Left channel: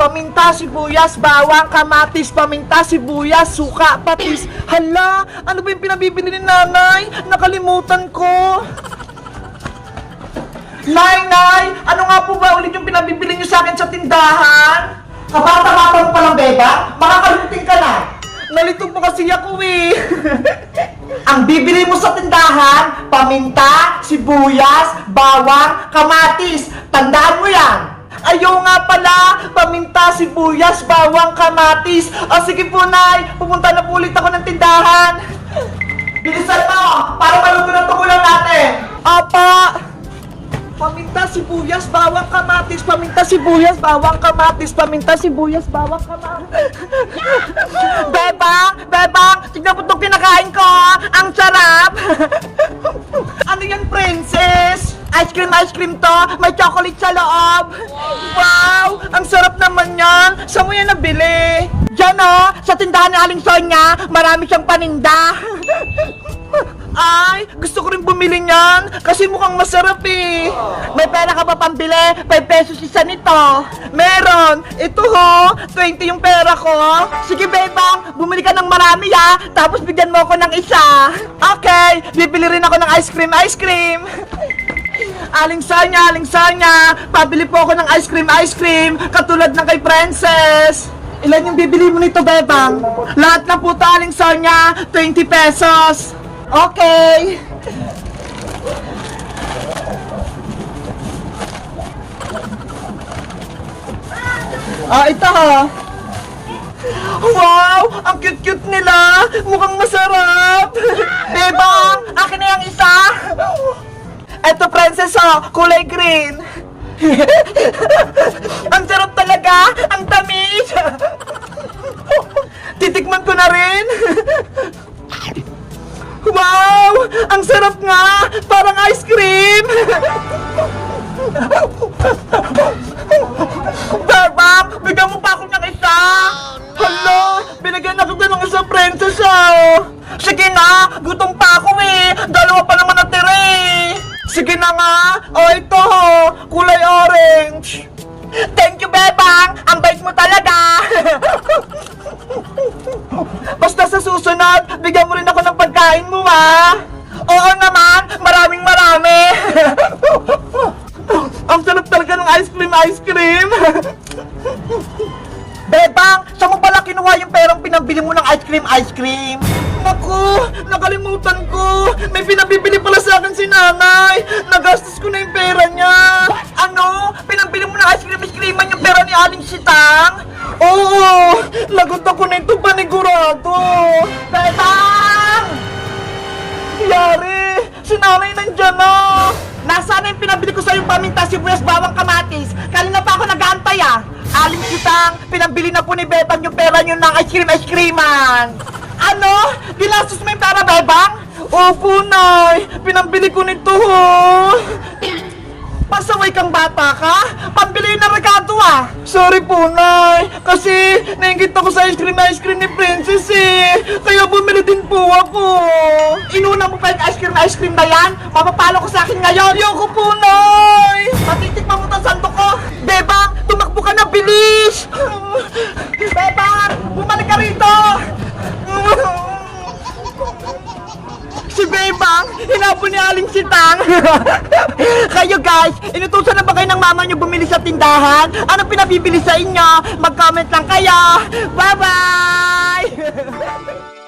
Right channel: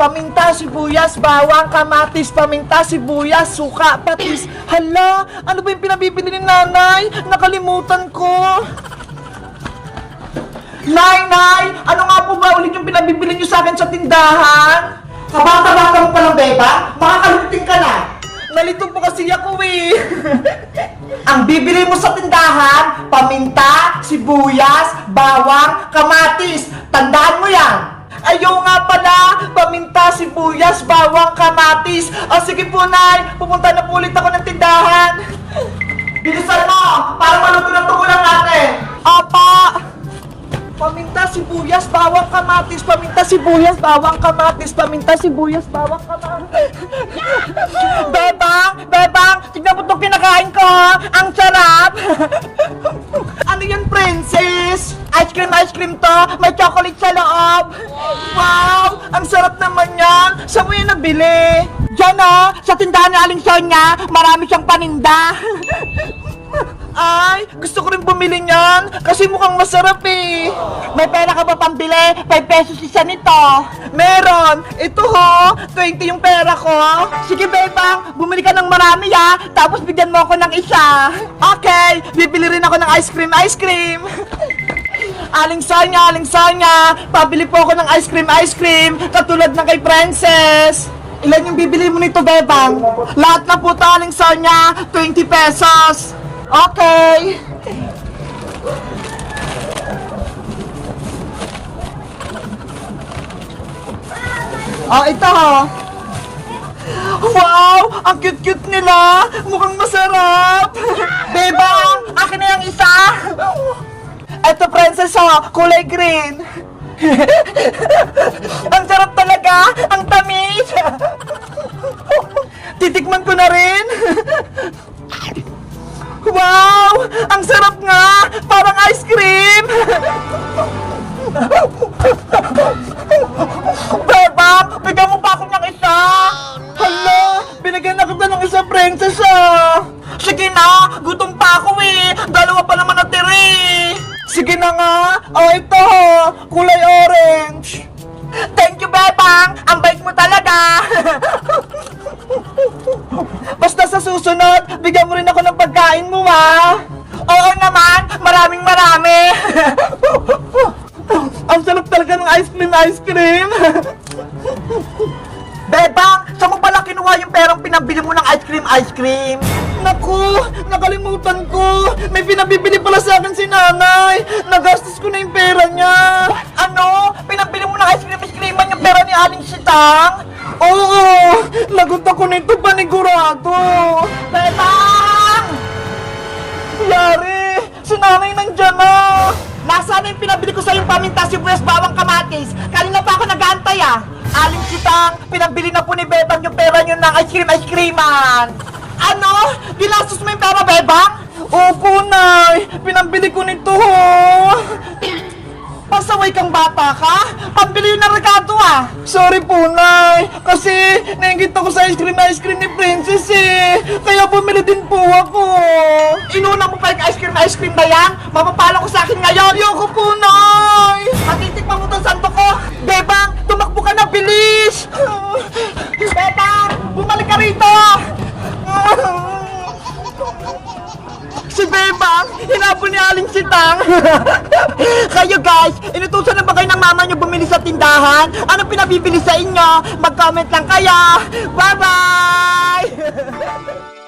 paminta, sibuyas, bawang, kamatis, paminta, sibuyas, suka, patis. Hala, ano ba yung pinabibili ni nanay? Nakalimutan ko. Nay, nay, ano nga po ba ulit yung pinabibili niyo sa akin sa tindahan? Kabata-bata mo pa ng beba? Makakaluting ka na. Nalito po kasi ako eh. Ang bibili mo sa tindahan, paminta, sibuyas, bawang, kamatis. Tandaan mo yan. Ayaw nga pala, paminta, sibuyas, bawang, kamatis. O sige po, Nay, pupunta na po ulit ako ng tindahan. Bilisan mo, para maluto ng tugulang natin. Apa! Paminta, sibuyas, bawang, kamatis. Paminta, sibuyas, bawang, kamatis. Paminta, sibuyas, bawang, kamatis. Bebang! Bebang! Tignan mo itong kinakain ko! Ang sarap! Ice cream, ice cream to! May chocolate sa loob! Wow! Ang sarap naman yan! Saan mo yan nabili? Diyan o! Sa tindahan ni Aling Sonia, marami siyang paninda! Ay, gusto ko rin bumili niyan kasi mukhang masarap eh. May pera ka ba pambili? 5 pesos isa nito. Meron. Ito ho, 20 yung pera ko. Sige, bebang, bumili ka ng marami ha. Tapos bigyan mo ako ng isa. Okay, bibili rin ako ng ice cream, ice cream. Aling Sanya, Aling Sanya, pabili po ako ng ice cream, ice cream, katulad ng kay Princess. Ilan yung bibili mo nito, Bebang? Lahat na po to, Aling Sonya, 20 pesos. Okay. Oh, ito ho. Wow! Ang cute-cute nila! Mukhang masarap! Bebang! Akin na yung isa! Ito, princess, oh! Kulay green! ang sarap talaga! Ang tamis! Titikman ko na rin! Wow! Ang sarap nga! Parang ice cream! Bebang! Bigyan mo pa ako ng isa! Hala! Binigyan na kita ng isa, princess, ah! Sige na! Gutom pa ako eh! Dalawa pa naman eh! Sige na nga! O, ito! Kulay orange! Thank you, Bebang! Ang bait mo talaga! Basta sa susunod, bigyan mo rin ako ng pagkain mo, ha? Oo naman, maraming marami. Ang sarap talaga ng ice cream, ice cream. kinuha yung perang pinabili mo ng ice cream, ice cream? Naku, nakalimutan ko. May pinabibili pala sa akin si nanay. Nagastos ko na yung pera niya. Ano? Pinabili mo ng ice cream, ice cream yung pera ni Aling Sitang? Oo, lagot ako nito panigurado. Bebang! Yari, si nanay nandyan na. Nasaan yung pinabili ko sa yung paminta, sibuyas, bawang kamatis? Kanina pa ako nag-aantay ah. Aling kitang, pinabili na po ni Bebang yung pera niyo ng ice cream, ice creaman. Ano? Ginastos mo yung pera, Bebang? Opo, Nay. Pinabili ko nito, ho. Pasaway kang bata ka? Pambili na regado ah! Sorry po, Nay! Kasi naingit ako sa ice cream ice cream ni Princess eh! Kaya bumili din po ako! Inuna mo pa yung ice cream ice cream na yan? Mapapalo ko sa akin ngayon! Yoko po, Nay! Matitikman Si Bebang, hinapon ni Aling Sitang. kayo guys, inutusan na ba kayo ng mama nyo bumili sa tindahan? Ano pinabibili sa inyo? Mag-comment lang kayo. Bye-bye!